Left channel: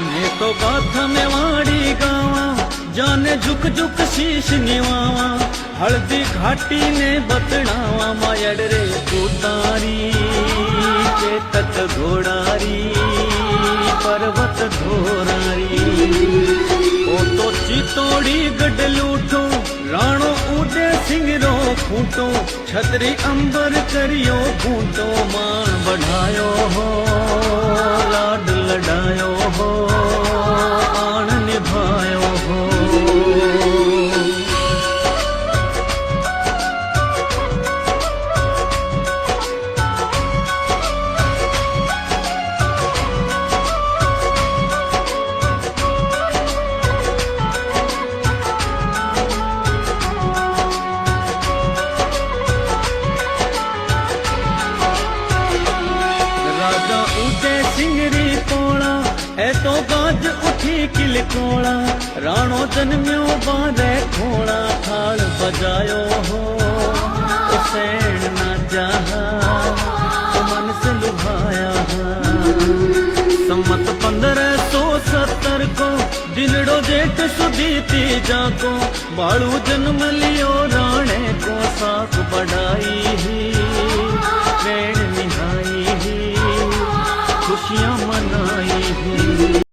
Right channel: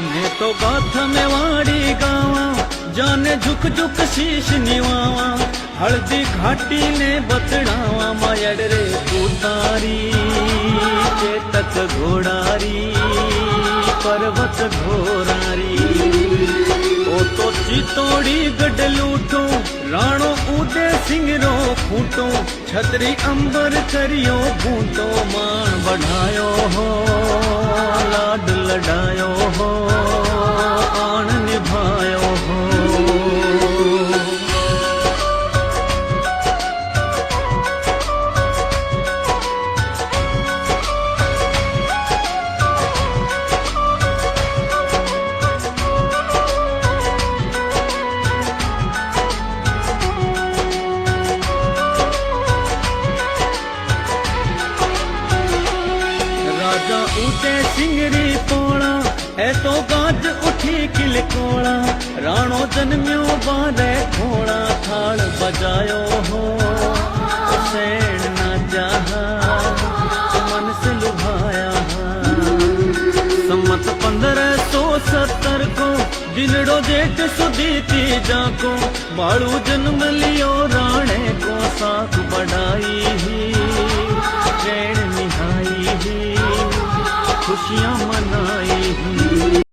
मैं तो गाथा में वाड़ी गावा, जाने झुक झुक शीश निवावा, हल्दी घाटी ने बतड़ावा, मायड़ रे उतारी चेतक घोड़ारी पर्वत घोरारी। ओ तो चितोड़ी गढ़ लूठो, राणो उदय सिंह रो खूंटो, छतरी अंबर करियो बूटो, मान बढ़ायो हो लाड लडायो हो, आन निभायो हो। राजा उदय सिंह री पोला, है तो गाज उठी किलकोड़ा, राणो जन्म्यो बारे खोड़ा, थाल बजायो हो हुसैन ना चाहा, मन से लुभाया। सम्मत 1570 को दिनड़ो जेठ सुधी तीजा को, बाळू जन्म लियो राणे को, साख बढ़ाई ही ट्रेन निहाई ही, खुशियां मनाई ही।